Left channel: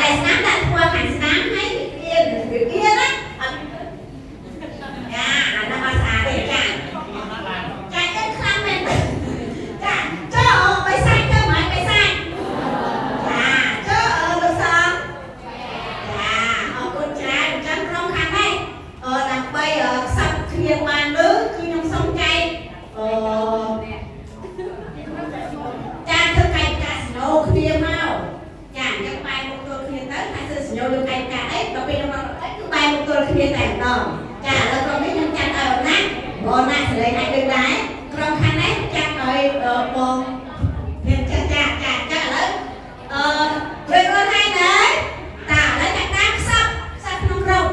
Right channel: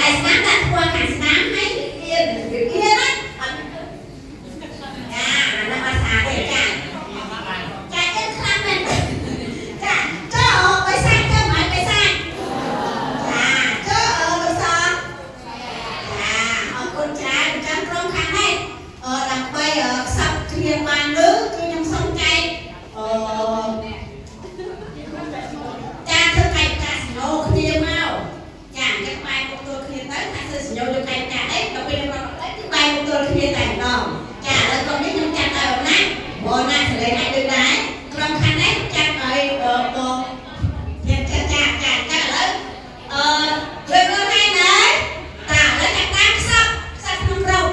តែស្នាមដាក់ធ្វើខាងស្នាមហើយវាណាចាអានោះអត់ស្អាតទេចាចាអត់ខ្លាំងមែនចាចូលបិសាចចូលមកបិសាចចាចូលលោកសងចាអរគុណច្រើនអញ្ចឹងក្រុមខាងនេះដើម្បីខ្សឹបគ្នាបានលើគឺខ្ញុំសូមចែកចាធ្វើកាយកាសណូគ្នាមកចាអញ្ចឹងបែរមុខទល់គ្នាទៅថាធ្វើសញ្ញោលើកាយកាអីដល់ពេលមកអីគឺបែរមុខទល់គ្នាតែម្ដងចាឥឡូវក្រុមនេះខ្ញុំចាត់ឲ្យអំណាចបងណាសលេងអាចដូចដែរក្រុមខាងនេះចាត់ឲ្យបងខ្ញុំចាចាឥឡូវជួយមើលให้ណាតាឥឡូវកាត់តាមខ្សឹបក្នុងក្រុម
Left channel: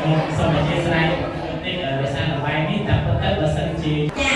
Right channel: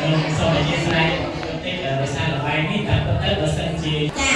ខ្ញុំសូមអធិស្ឋានបន្តិចភាសាល្បែងនេះតាមពិតទៅបើសិនជា